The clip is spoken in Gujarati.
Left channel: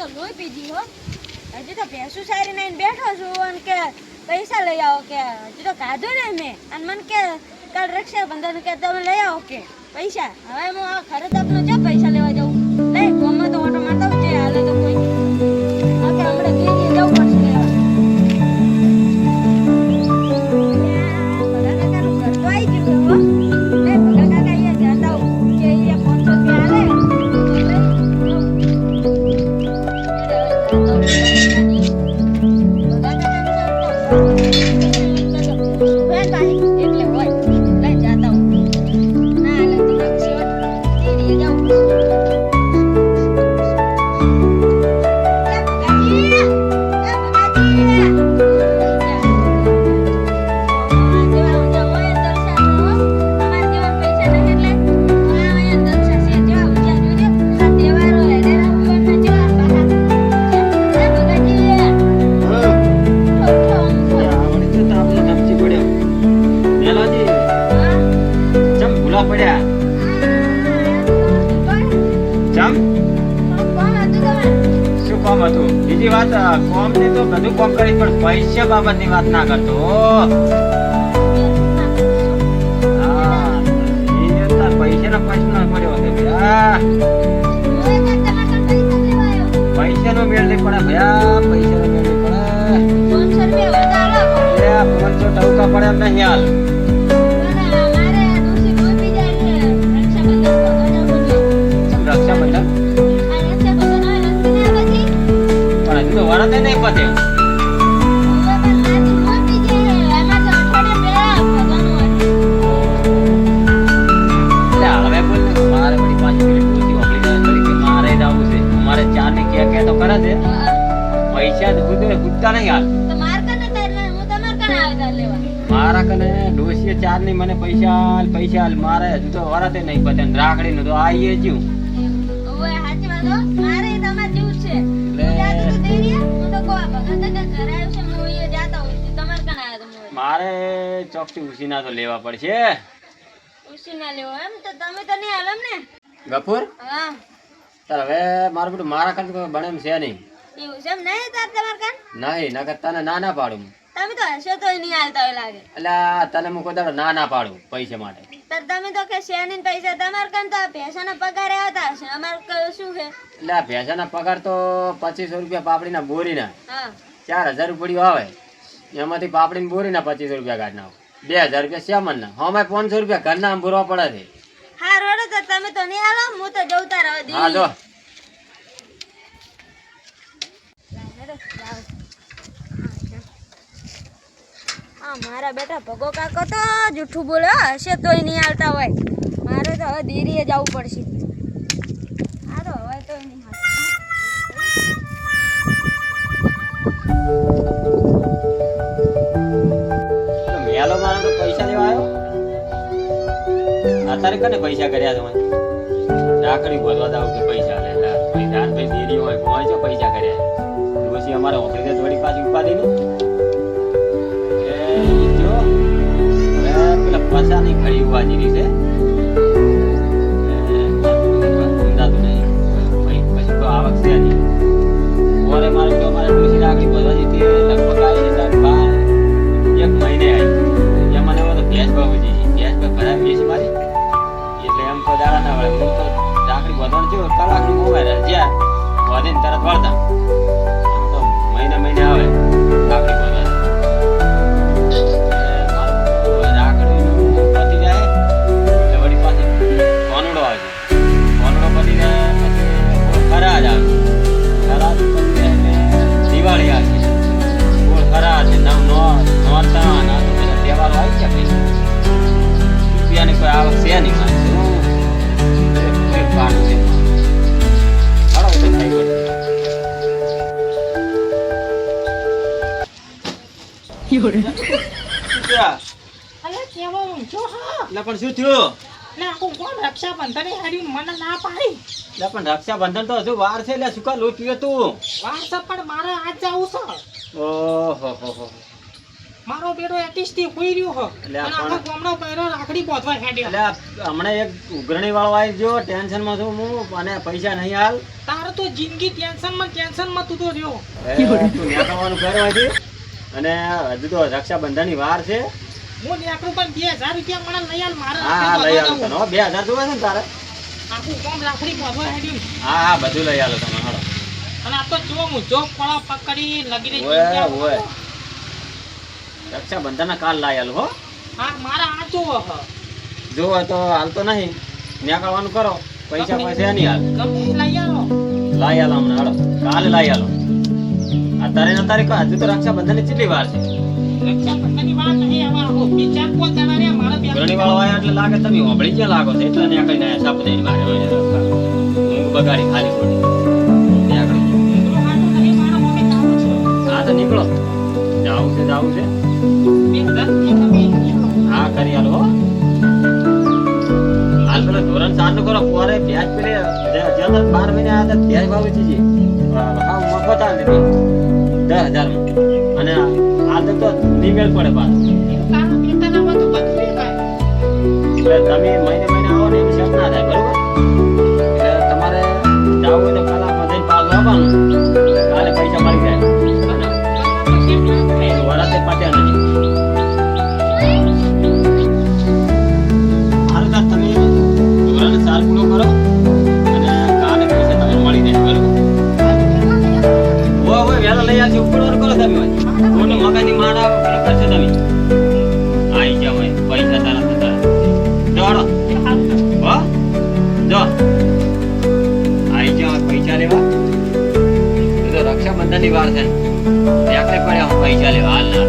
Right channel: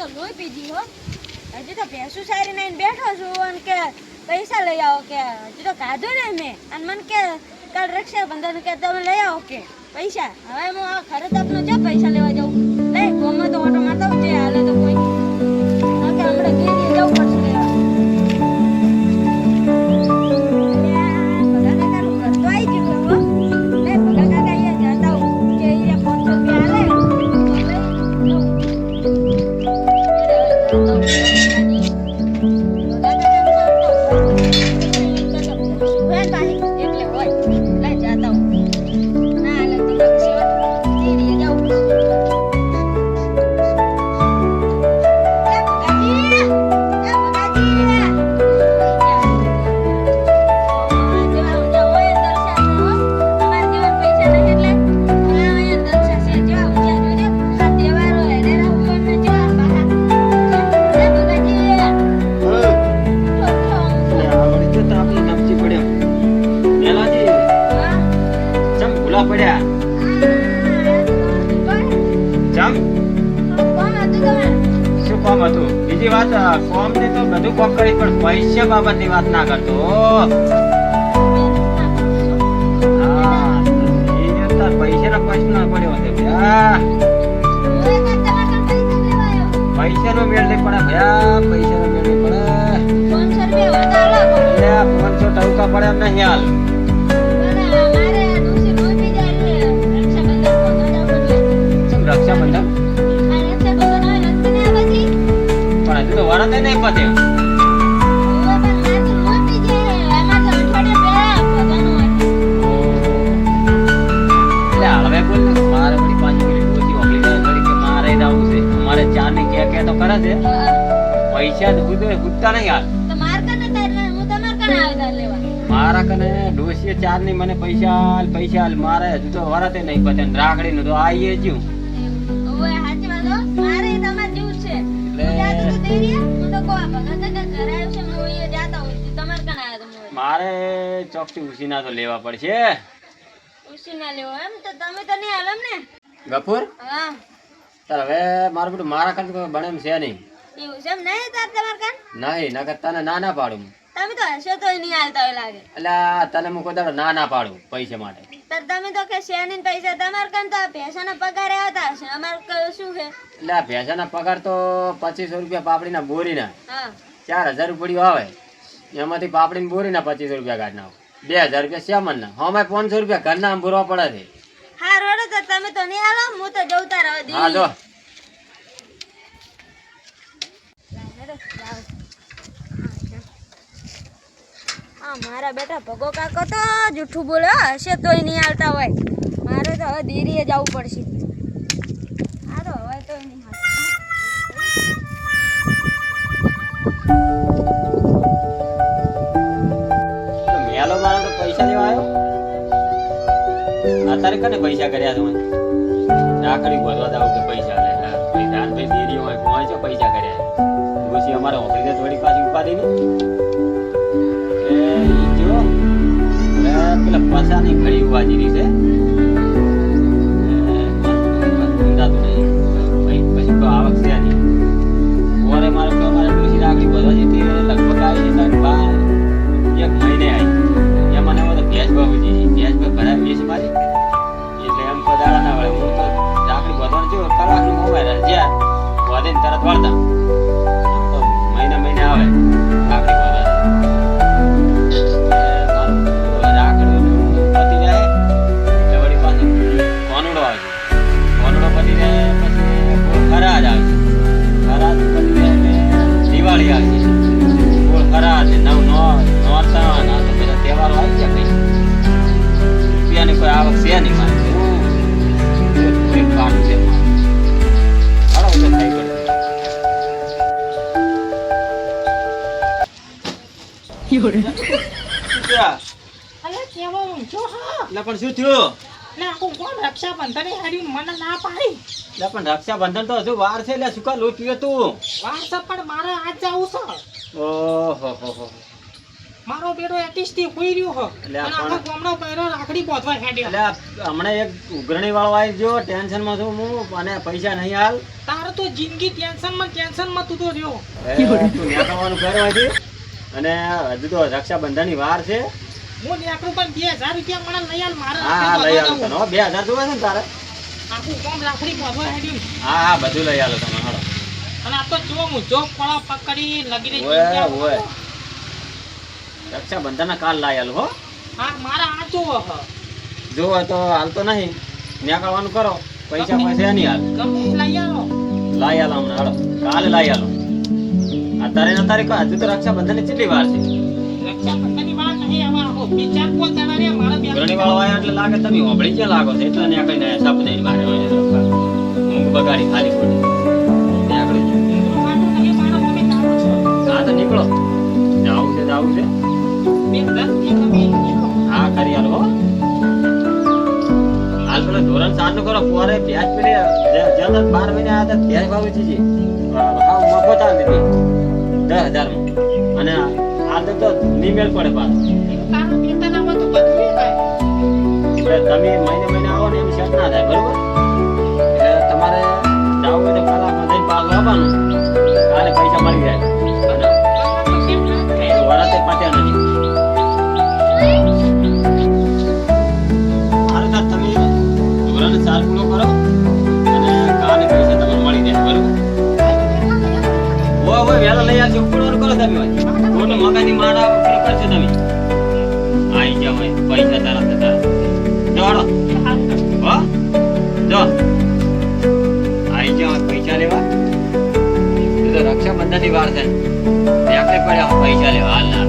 તો લોહી પીધી હો. હજી તો ભેંસું સારી નાઈને બેઠો છું અને કે પૈસા લઈ આવો કે હજી તો કાઢો ને મેં અને મને કે કાલ રક્ષાબંધન કે તમે લઈ આવો કે પૈસા. હવે હું આ ખરે તપનો છે પૈસા લેવા જાઉં લઈ ગોમાં તો ઓટો મારતા છે હાલે તો કોઈ હા કે હમણાં ઘેરીએ જવું પડશે લેવા. ભગા કાકાનું ઘર તો આવી ગયું હો. નહીં ભગા કાકા અહીંયા જતા હોઉં કે અહીંયા 500 રૂપિયા હાલે એટલે હોય લઈ જાતા હું ના હાલે તો મેં સેવટ ધીરે જાવું પડશે. પડ્યા ચમ શું કામ હતું? બીજી વાત કોમ ની તો બધું કોમ કરી પણ પૈસા બાબત ની વાત ના કરતો. હા એ તાર પૈસા નો પ્રશ્ન પડ્યો છે ભૈયા. પૈસા નો મેળ નહીં પડે ભૈયા, પૈસા નો મેળ નહીં પડે. 500 રૂપિયા એટલે 500 ટકા પડે એમ નહીં હાલ. રક્ષાબંધન પણ હજુ તો વરત નહીં પતે. એટલે હળવે બોલ ને મારે વળી 5 મિનિટ ઓછી ઓગળી જાય વળી કે મારે જવું છે. અમારે 4 ને કે તો કરે છે પૈસા ગુજતા નહીં હાલ. મારા કને ડોસીએ 4 ની મને પૈસા હાલ મારે હજુ તો વરતે નહીં પતે. રાખડી નું તો આવીએ જ્યું મારે ચોકથી ઉસીના તો લેવા પડશે. ઉસીના લેવો એમ તો તમે તો નહીં હાલમ ને ગફુર. હા તાર હવે મારું બધું મારા કાન તો બને એમ છે નહીં. એવું છે એમ નહીં તાર તમાર કાન નહીં નકર તને ના પાડું. તમે તો હશો તો નહીં હાલતા હોય લાગે. એટલે તને હું કોઈ દાડો ના પાડું પૈસા માટે. તાર તમે તો કે શેની પૈસા તમાર કાન તો પૈસાના પગાર આવતા હશે. અમાર શું છે એટલે ભેંસાના પગાર તો 2500 રૂપિયા પાપડીના બોરીના. હા 4000 રૂપિયા આવે એમાંથી પાપડી બોરી ના 2500 રૂપિયા કાઢ નાખો. 2000 રૂપિયા શ્યામન ના હમે 500 રૂપિયા ઘરના આમ ભરવા પડે છે. હા રોડો તો તમે તો નહીં હાલો હું તો જવતા રહો દી. હા જો હા મારા બેટા ભગો કાકો તો જૂઠું બોલ્યો હશે તોય નહીં હાલતા હોય. મારે તો હવે ધીરે જવું પડશે. હા તો હવે તો નહીં મેલો મારા તો પૈસા લેવા આવ્યો. અત્યારે કને પૈસા કર્યા તમે? રાખડી બોલવા દાવ કે પૈસા લે પૈસા ભાઈ દેરી હોય પહોંચો પૈસા કર્યા. ડોસી અમારે ઓપડી દે થોડી પાછી ઉપાડી ની એ જો પેલા પસાની ખડી ઉવાજી રહી છે. સમજાતું નહીં પછી કોઈ આવક છે નહીં. ઓરે મારે તો અમારે ડોસી રાખડી બોલવા જતી લગભગ આવી છે 1 મહિને આવી. એમાં મને તો ભેંસ ભરાવી છે મારી એટલે એમ કોઈ દાડા ના વળે. હું તો રાખડી બોધવાનું છું કલાકની મોબાઈલ જ્યાં બોધે ને તરત વળતા. આમ તો મહિને આવે રાખડી બોધવા. રાખડીનું પતી જાય એટલે વળી પાછી કોનુડો આવે છે. કોનુડો પતી જાય પછી ખરાજ આવે છે. ખરાજ પતી જાય એટલે દિવાળી આવે છે. ખરાજ નોરતા ના તો બધા તહેવારો આવી ગયા ભાઈ. રૂપિયાની કોઈ આવક છે નહીં મારે. પૂરી કાઢ છે મારે. હાલો એટલે થઈ પડશે. પણ શું થયું? રક્ષાબંધન તો હજુ વાર છે એટલે શું લોહી પીવે તું? વાર છે પણ મારે આજ જવું છે. ઓહો મારો બેટો એટીસ થી હોઈ રહ્યો હો એટલે આ અને આખા પણ- ગામનો પહેરો રાખડી બોધવા હેડ્યો એટલે આ હમણાં એક ઉઘરણી વાળો આવી ગયો, ટેન્શનમાં છું હું, અને પૈસા નહીં હાલ. તારે તો જિંદગી ટેન્શનમાં તું તો રહ્યો. તું નીકળવાનું કર અહીંથી. અને હજુ તો રક્ષાબંધનની વાર છે. હું નીકળું પણ 2000 રૂપિયા મને લઈ આલ મારે હા હા લઈ આલો તને હો. 2000 જોવે છે ને તારે? આખું ગામ રાખડી બોધવા હેડ્યું હા હા બધું લઈ આલો તમે હાલો. અને આ તો જો હું જો પડા પકડી લગી ઓય, રહી ઓય. રક્ષાબંધનના કાલ લઈ આલો હો. હા મારા આ જોવો હ જોવો તો હાલ તો નહીં, નીકળવાનું કરો. પૈસા પૈસા નહીં હાલ. ગમે એ લઈ આવો લઈ આલો હમણાં હાલો. કાલે લઈ આલો. અત્યારે ને તારીખ હજુ તો રક્ષાબંધનની કેટલી વાર છે? રક્ષાબંધનની વાત નહીં હવે આવો 4-5 જણા રે મારા બે ઘણી વાળો આયા એટલે લાગે તમે હોબળી ક્યાં લાગો છો એટલે નીકળીને આયા સપ દઈને બહાર ઊંઘ બગાડી ખાલી ખોટી નીકળી ગયો. ઊંઘરો હાટો નહીં મારા મમ્મી જાવું છે હા તો નીકળો. જાવું છે જાવું છે. 2000 રૂપિયા ગમે એ નીકળો હા કરી આલો હો. હાલ પેલો ધોરણ 4 નું કરો. પોરે ભેંસ પેલી જ્યાં 12 મહિને આયા હતા ભેંસ વાવી દીધી. હાવ મફત આ દીધી 10,000 માં. અને હાલ તો નિમેળ પડે પાછો. એનું તારા બેટા ના હોય તો બધું એ થાય એટલે તમે મહિને મહિને આવો ને એમ સેટ ના થાય બરોબર. એટલે તમારે જાવું હોય તો કલાકમાં જઈને પાછું આવવાનું. કાલે પૈસા મળી જાય. અને કલાકમાં શેઠ ના થાય એનું વરાતે પત્યા નથી. સારું તાર તમે ધોરણ 4 પૂરો કરો અને કાલે પૈસા તમને મળી જાય બરોબર. હોય વહેલા લઈ આવશે. ઉપડવાનું કરો તમે હોય ખોટું મકાનની માળા ઉપર કરશો તમે. આવી જાવ હોય પૈસા તારા થતા જો હાલો હો જો આવી જાવ પૈસા લેવા. જો તો રક્ષાબંધનની વાર છે ને એકલે પડ્યા પૈસા લેવા હાલ ના